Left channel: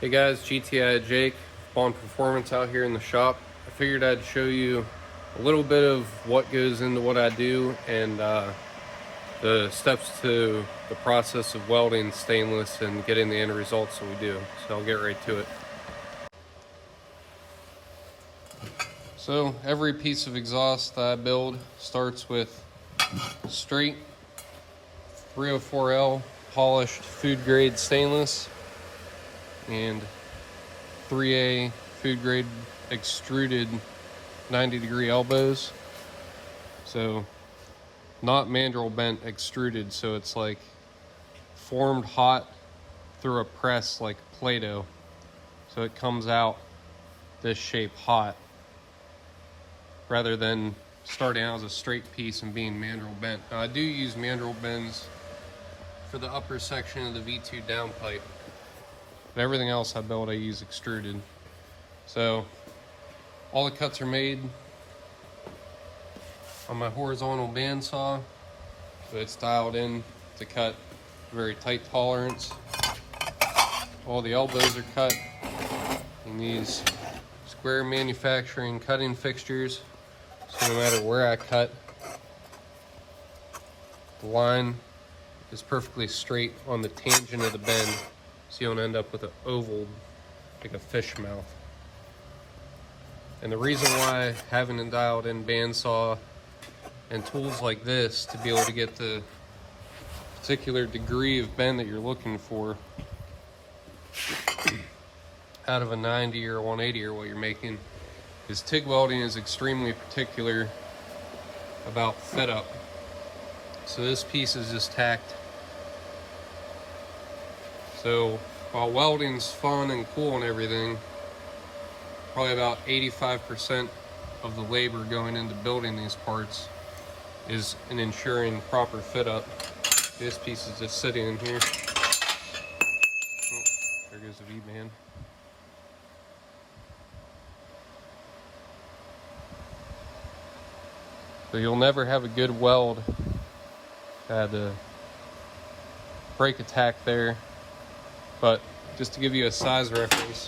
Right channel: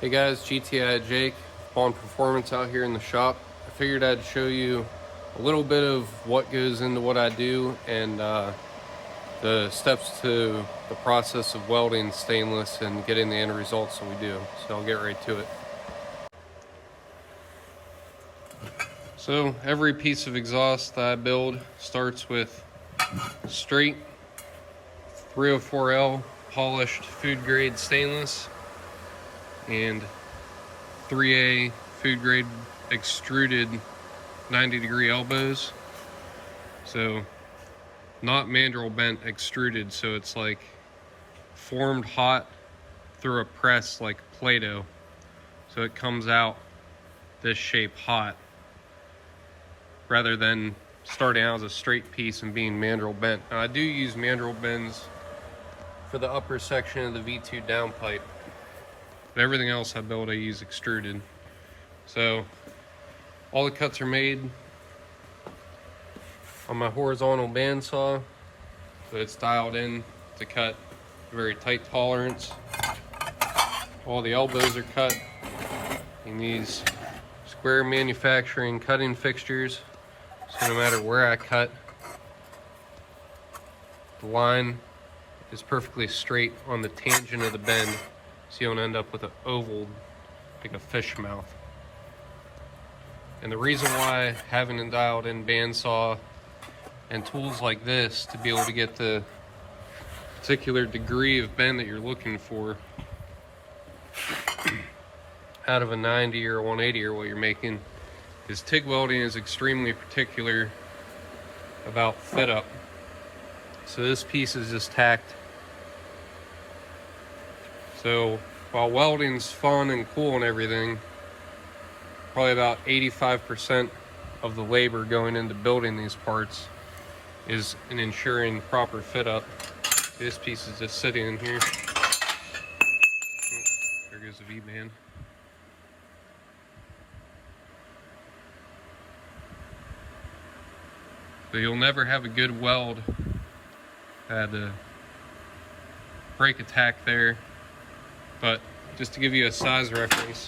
Hey guys, GTI Jake, Baun Performance out here in the shop. I figured I'd show you a little bit of what goes into what I do and the steps to the process of welding stainless and getting the end results that we do. So I'll get right to it. So every piece of exhaust that I build starts with straight 304L polished food grade stainless and 3A food grade extruded 90-degree elbows. So not mandrel bent, extruded, so it's like formed hot through a press like Play-Doh. So it comes out this shape hot rather than starting out as a straight piece and being mandrel bent. Now I do use mandrel bends for the upper section of the V2 downpipe, but everything else I build I use extruded. So all the cuts are made on my horizontal bandsaw, so it's dialed in to cut very tight tolerance. All the elbows are cut in these square manufacturing cutting fixtures, so no matter where I cut, the line is perfectly straight on the tangent of the bend, so you don't end up with an oval like a fish mouth. And the reason why having a dialed in bandsaw and tools like this to be able to get the particular degree of bend that you're looking for out of a 90 or 180 or what you're making is TIG welding is extremely particular about fit up. So this piece is just tacked. So while welding's fun and cool and everything, probably about 85% of the labor going into building these parts is in ensuring proper fit up. This piece is just sitting in here. Oh, there goes the V-band. So you'll never have a good weld. I had to break a tack there, but just to give you a size reference,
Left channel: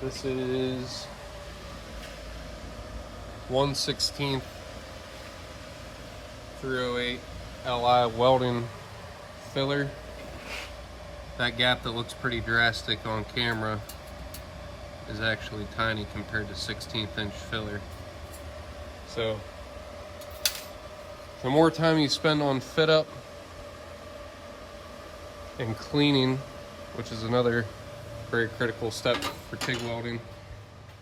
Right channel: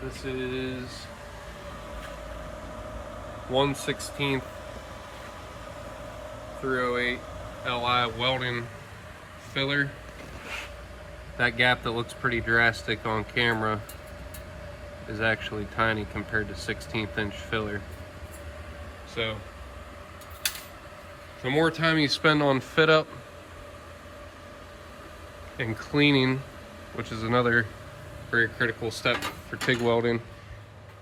this is 1/16 308 Li welding filler. That gap that looks pretty drastic on camera is actually tiny compared to 16th inch filler. So the more time you spend on fit up and cleaning, which is another very critical step for TIG welding,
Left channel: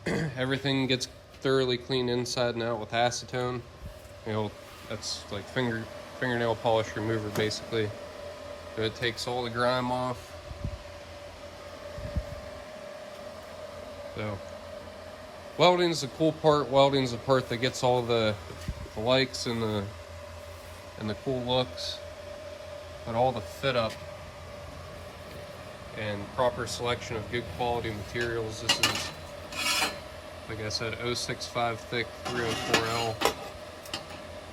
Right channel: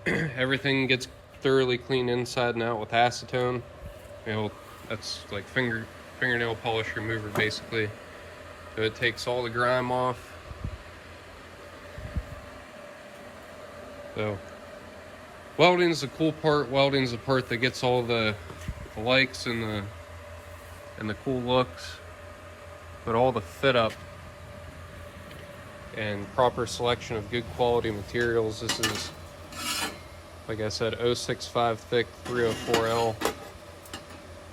everything gets thoroughly cleaned inside and out with acetone. You know, that's like fingernail polish remover basically. So it takes all the grime off. So welding's the cool part. Welding's the part that gets all the likes and the cool looks, but all the fit up and proper selection of good quality materials. This is, like I said, 065 thick 304L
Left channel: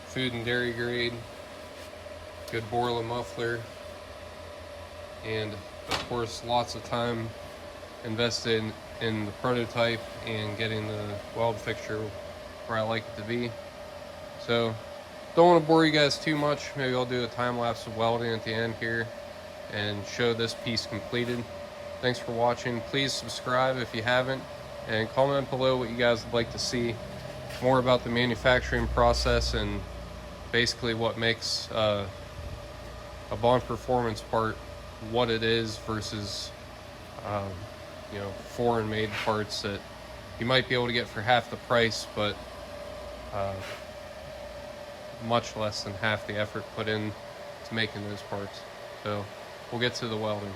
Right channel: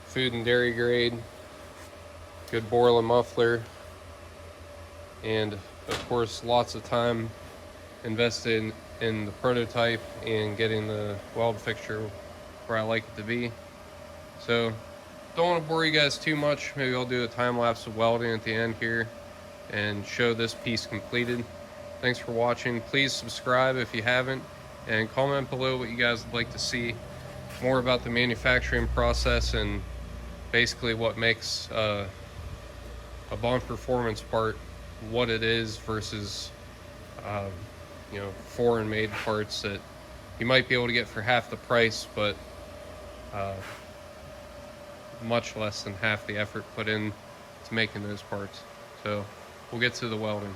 food and dairy grade, good Borla muffler, and of course lots of time invested in the prototype and getting the weld fixture where I like it to be. So don't want to bore you guys too much. Maybe I'll do a time lapse of welding at the end here and show this piece completed. Thanks for watching. Please subscribe if you haven't, and comment below what you guys would like to see more about the manufacturing process and basically what makes a Baun Performance part what it is versus you know, foreign made parts that you might be able to get for half the price, but much less than half the effort put in to making those parts. So we'll get to the welding.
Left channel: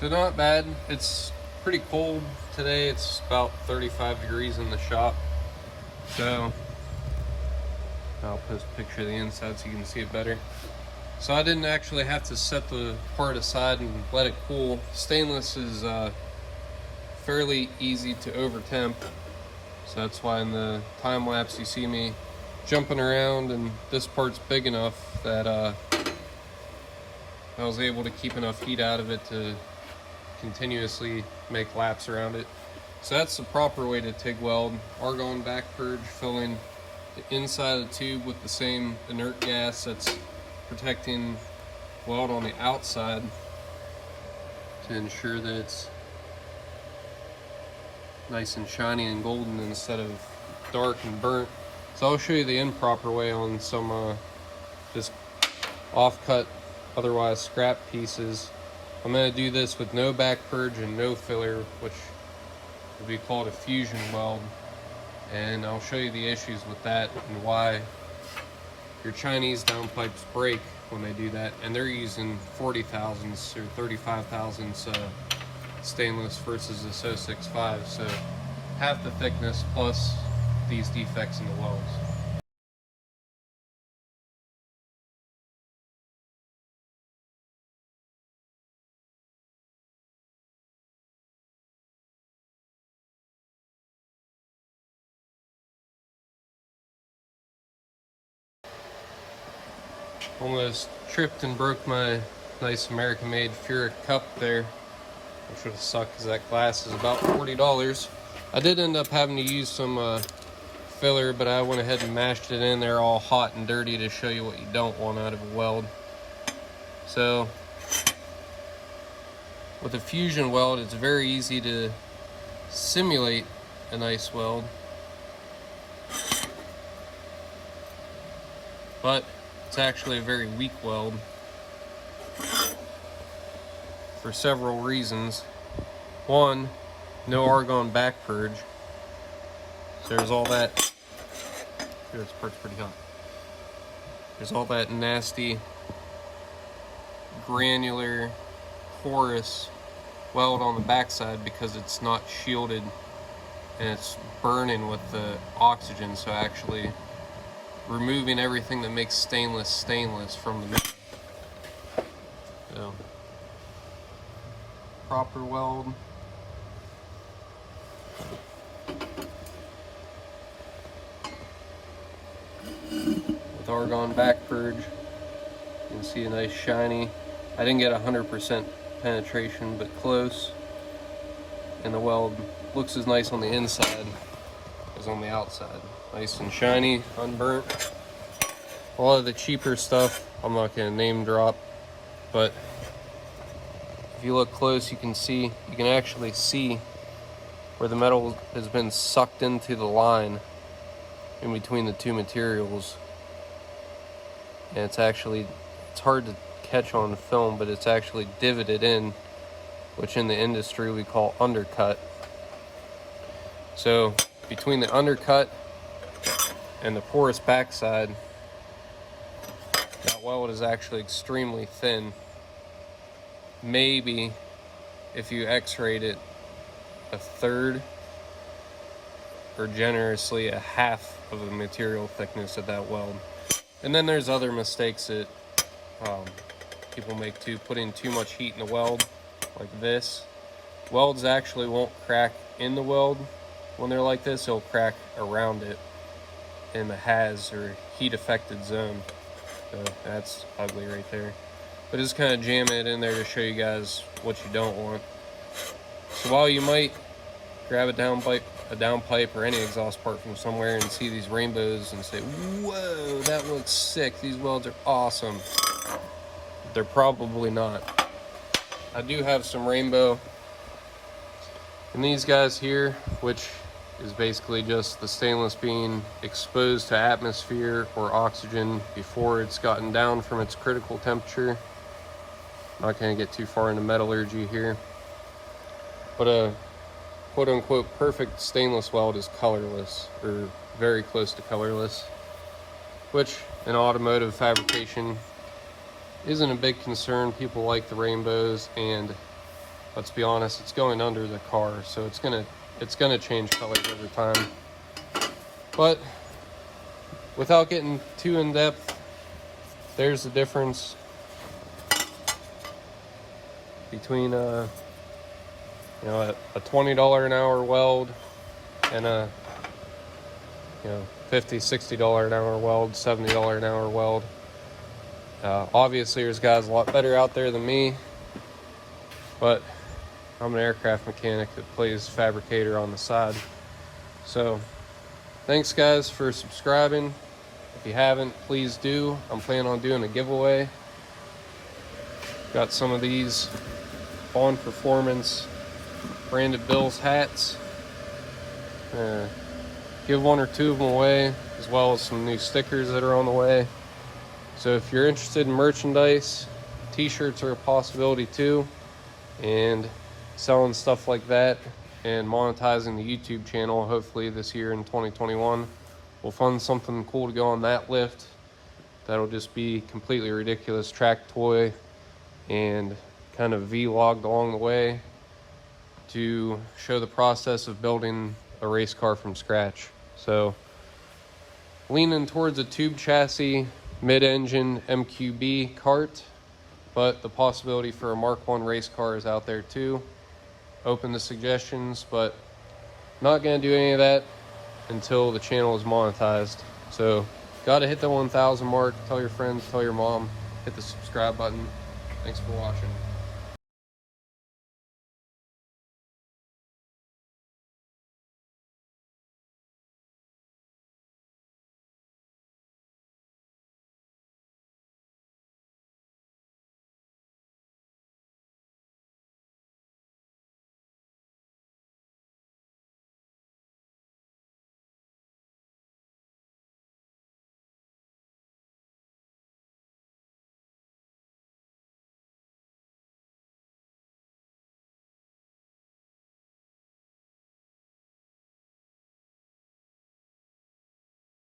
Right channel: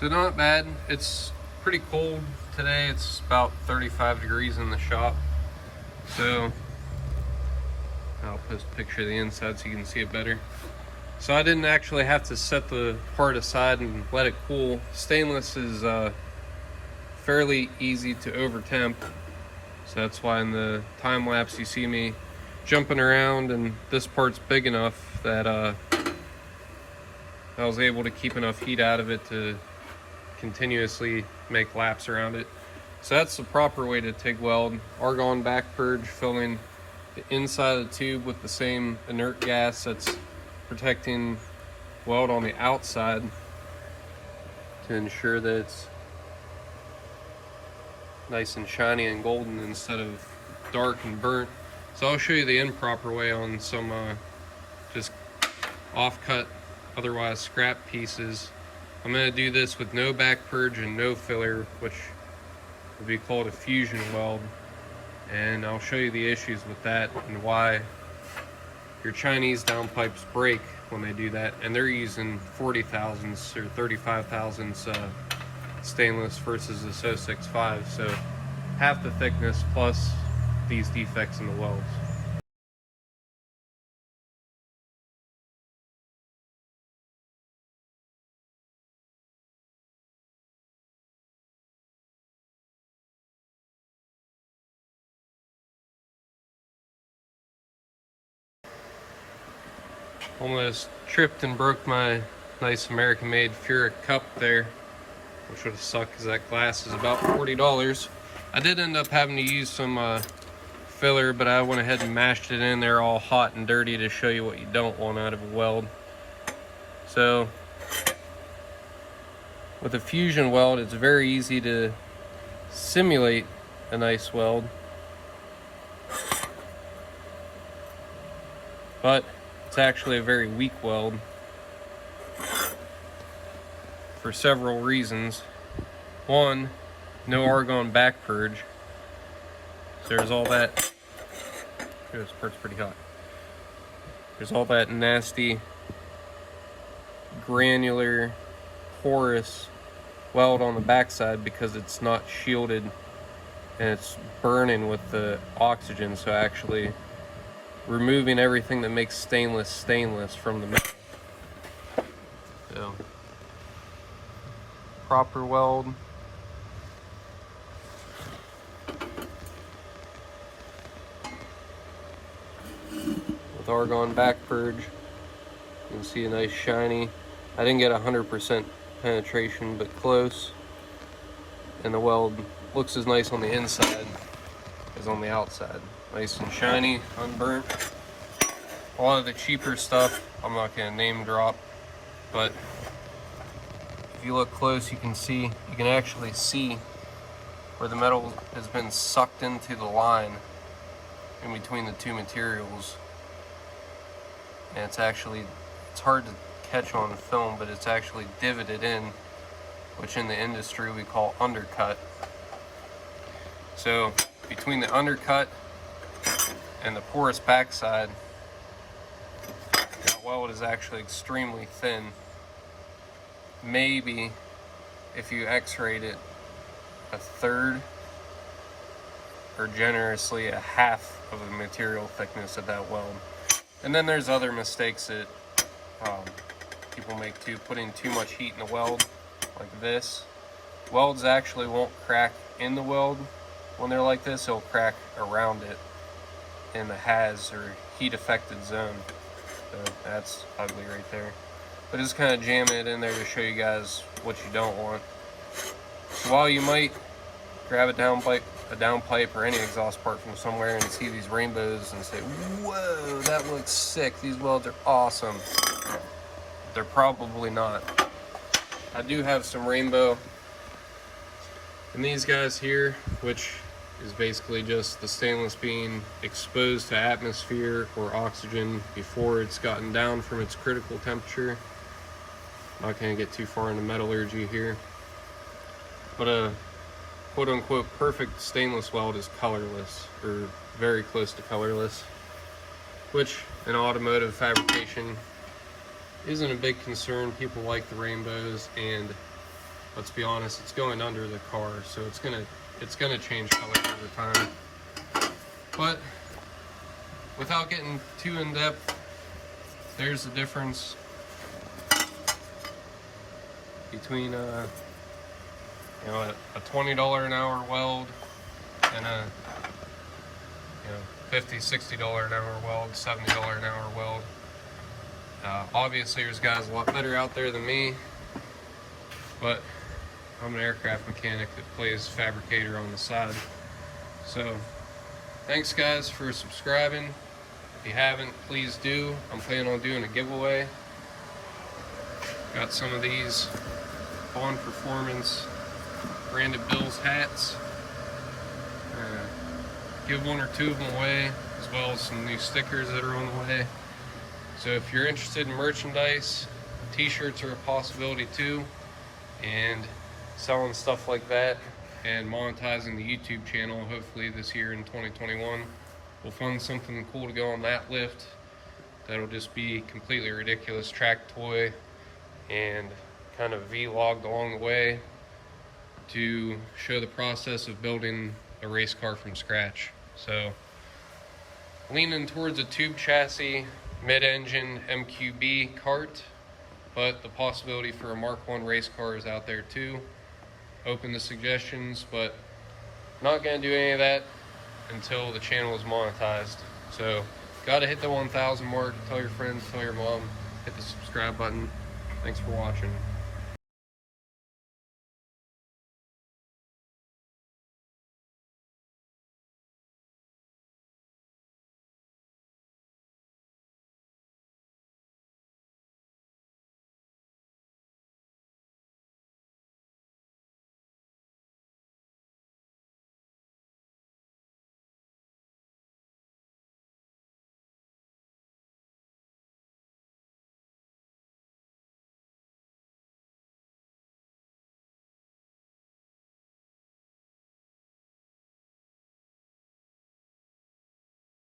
So not bad. It's pretty cold today. It's about 35 degrees in the shop. So I'll post a picture of the inside so you can see it better. So I didn't actually have to set the part aside and let it cool. Stainless is fairly easy to over temp. So that's why in the time lapse you see me jumping around, and this part's big enough that I was able to keep enough heat out of it to continuously make laps around it. So that's the proper way to TIG weld. Argon back purge, filling the inside of the tube with the same inert gas that's protecting weld on the outside to ensure that it's nice and shiny and golden instead of dark and burnt. So I'll show you the improper way on some just off-cut, otherwise scrap pieces. I'm going to do this with no back purge and no filler, which would be called a fusion weld. And I'll show you the issues with that and why your Chinese downpipes break when they do that. And they're using 40 thousandths or 35 thousandths stainless versus this 065. So half the thickness plus these defects in the welds. Almost tripped and broke my nice American-made Furic cup there, which would have sucked because that glass is about $40. I did end up having to use some filler, but I went ahead and mashed it in there all hot and dirty to show you what you don't want out of a weld. So with a fusion weld, it's very easy to simulate a nice weld, but it's actually a very weak weld for several reasons. One, no argon back purge. So there's all that. This part's pretty hot. There's all that nasty, granular, porous weld on the backside because it's not shielded and it's burning with the oxygen. So actually removing everything that makes stainless from the metal. So, proper weld. With argon back purge, you can see a nice shiny. I didn't get 100% penetration, but close. And the weld looks as nice on the inside as on the outside. Nice and shiny, unburnt. A lot of the cheaper stuff, I'm not going to name drop, but if you look close, you can actually see where the metal has been sucked into the line in between the two materials. And it's hard to catch on film, but it's actually divoted in, which in the industry we call undercut. So between the undercut and the porous backside, that weld is actually extremely thin. Maybe if you x-rayed it, a third or generously a half of the material thickness of that weld. And then there's other mistakes that people make too, putting too much heat in the weld, like this. Welds actually won't crack in the weld when they're like this, it'll crack around it in the HAZ or heat affected zone. So that's ugly right there. But just kind of jam it in there to show you guys what you don't want. So while you might grab a downpipe or any exhaust part from somewhere and see these rainbows and say, whoa, that looks sick, these welds are awesome, they're probably not. I do have some rainbow in these guys here, which is basically just the stainless being exposed to atmosphere or oxygen before it's gotten down from its critical temperature. I'm not going to get too far into metallurgy here, but a quote-unquote perfect stainless weld is colorless, or very close to colorless, which in automotive fabrication isn't a big concern. People like the rainbows, and let's be honest, it's going under the car, so it's gonna change color over time. But without getting too in depth, there's the difference between a $20 an hour weld and a $50, $60 an hour weld, $70 an hour weld. Obviously there's guys a lot better out there than me, but I'm an aircraft mechanic that plays fabricator on the side. So thanks guys for subscribing. If you haven't, please do. I'm planning on doing a giveaway. Got some of these Baun Performance branded Bills hats. Give one or two of them away, as well as some new stickers that are on the way. So if you're interested in merchandise, t-shirts are a possibility too, and selling stuff like that and monetizing the YouTube channel hopefully this year in 2021. We'll fund something cool to go on that lift. That'll just be completely ridiculous track toy and kind of vlogged along the way to show the process of building a race car from scratch. So leaning towards a tube chassis mid-engine MQB kart, but the possibility for a Mark I race car is out there too. Open to suggestions, but not gonna do any of that until the channel is monetized. So gotta hit the 1,000 mark. Tell your friends, tell your mom, hit the subscribe button. Thanks for watching.